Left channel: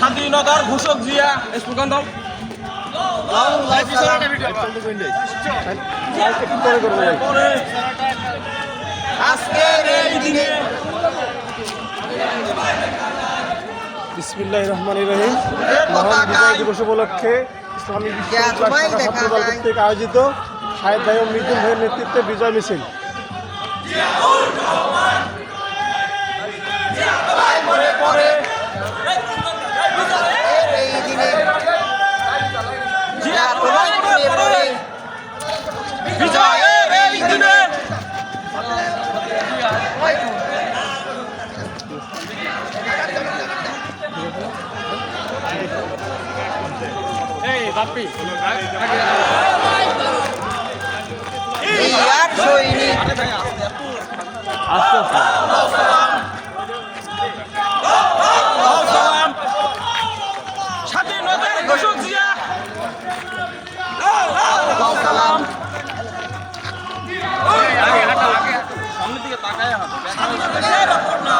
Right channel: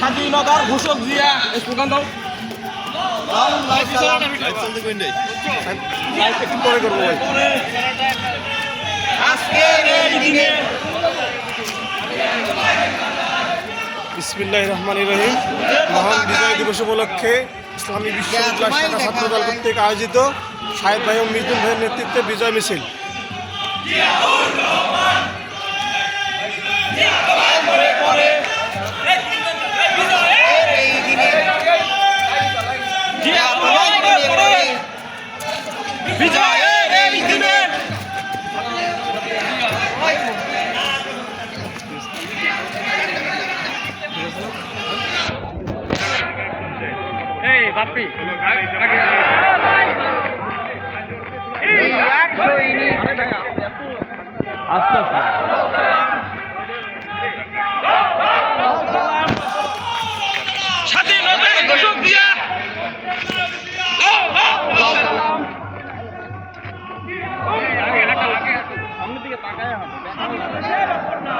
স্বাধীনতার ঘোষক জিয়া স্লোগান দাও। বিসমিল্লাহির রহমানির রহিম। মহান বিজয় দিবস উপলক্ষে ইসলামী বিশ্ববিদ্যালয় শাখা ছাত্রদল কর্তৃক আয়োজিত সাহেব ভাই ও মিজুল ভাইয়ের নেতৃত্বে বিজয় মিছিল। বাপ্পি স্বাধীনতার ঘোষক জিয়া সামনের দিকে তাকায় বাংলাদেশের বন্যা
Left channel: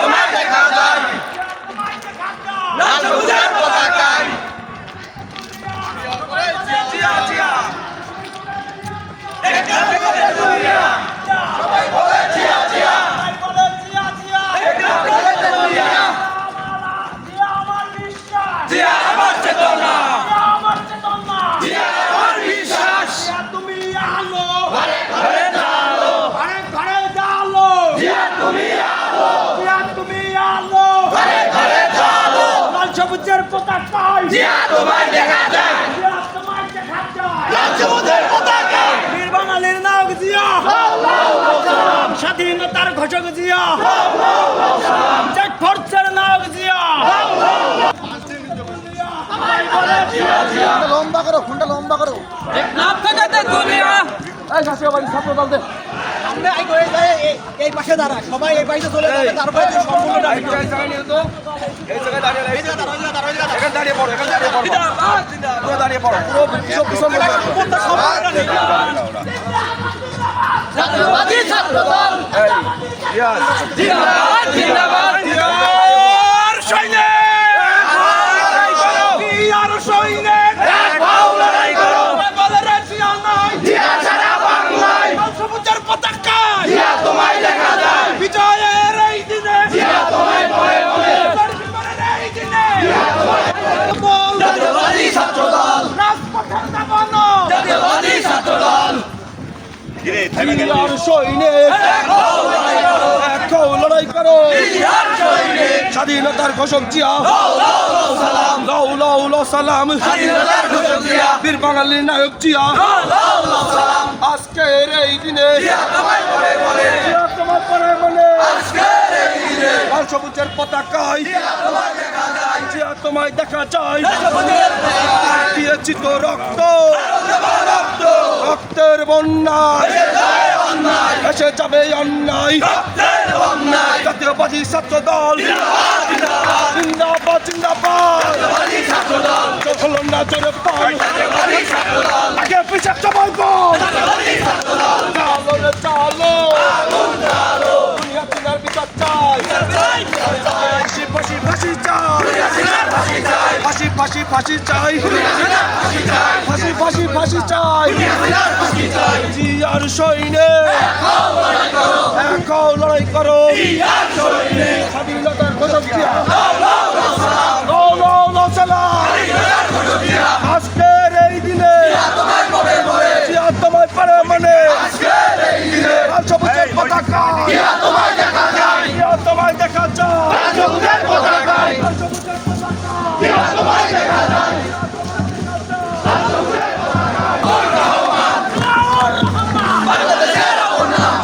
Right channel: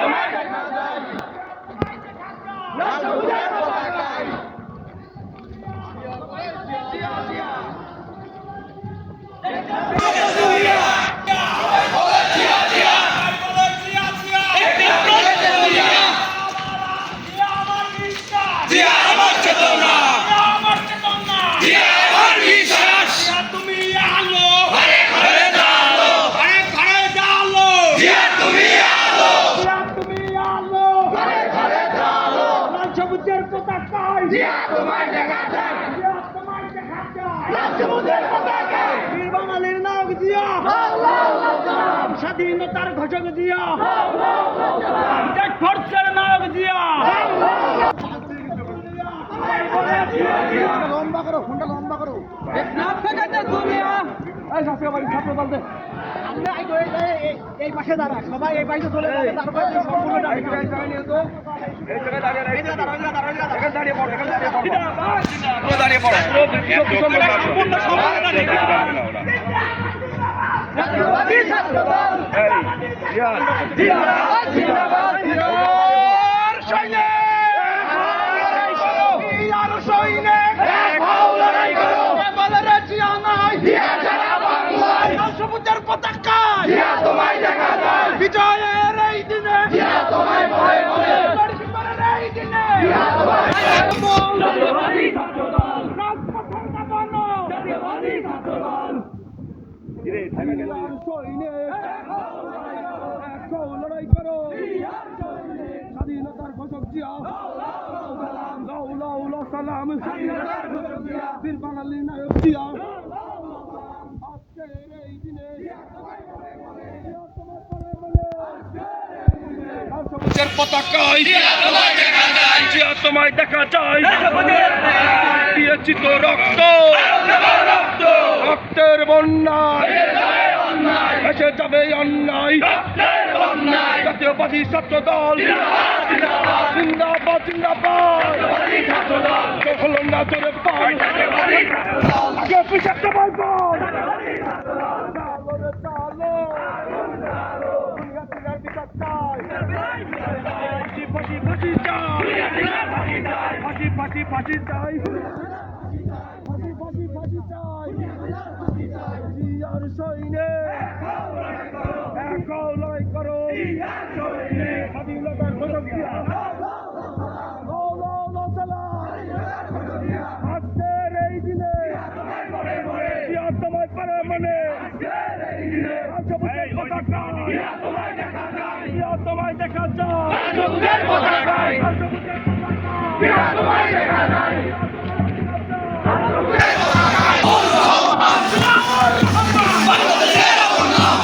তোমার দেখা যায় লাল সবুজের পতাকায় সবুজের পতাকায় জিয়া তোমায় দেখা যায়, জিয়া তোমায় দেখা যায়, লাল সবুজের পতাকায় বীর বাঙালির নায়ক জিয়া, স্বাধীনতার ঘোষক জিয়া, চেক ফোর্সের নায়ক জিয়া, লম্বা করো, ফোনটা লম্বা করো। নাম থেকে দুনিয়া এই শাসক বাড়ি ছাত্র দল দে এই পাশে দাঁড়া, সবাই এই পাশে চলে যাবে, তারপরে জাতীয়বাদী ছাত্র দল জিন্দাবাদ জিন্দাবাদ জিয়ার সৈনিক জিয়ার সৈনিক দেখাও লড়াই করো আমাদের রাজিয়া নাই জিয়া সারা বাংলায় সবুজের পতাকা জিয়া তোমায় দেখা যায় বিজয়ের এই দিনে জিয়া তোমায় ভয় ভয় এই দিনে জিয়া তোমায় জাতীয়বাদী ছাত্র দল রাজপথের নামানো জাতীয়বাদী ছাত্র দল জিয়ার সৈনিক এখন লড়াই করো, স্বাধীনতার ঘোষক জিয়া লাউ লাউ লাউ সালাম, বীর বাঙালির নায়ক জিয়া আজকের এই দিনে তোমার পরে মনে লাল সবুজের পতাকায় জিয়া তোমায় দেখা যায়, দিয়েছি তো রক্ত রক্তের বন্যায় এসে যাবে অন্যায়, জাতীয়বাদী ছাত্র দল জিন্দাবাদ জিন্দাবাদ, হল না জোরে বল আগে পিছিয়ে সবাই বল চালো রে চালো, দুনিয়া তিনার বিচার চাই, ফাঁসি ফাঁসি ফাঁসি চাই, ফাঁসি ফাঁসি ফাঁসি চাই, ফাঁসি ফাঁসি ফাঁসি চাই, জিয়ার সৈনিক এখন লড়াই করো, স্বাধীনতার ঘোষক জিয়া আজকের এই দিনে জিয়া তোমায় পারে মানে লাল সবুজের পতাকা জিয়া তোমায় দেখা যায়,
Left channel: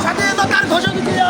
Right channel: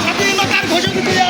স্বাধীনতার ঘোষক জিয়া,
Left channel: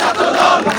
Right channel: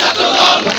ছাত্রদল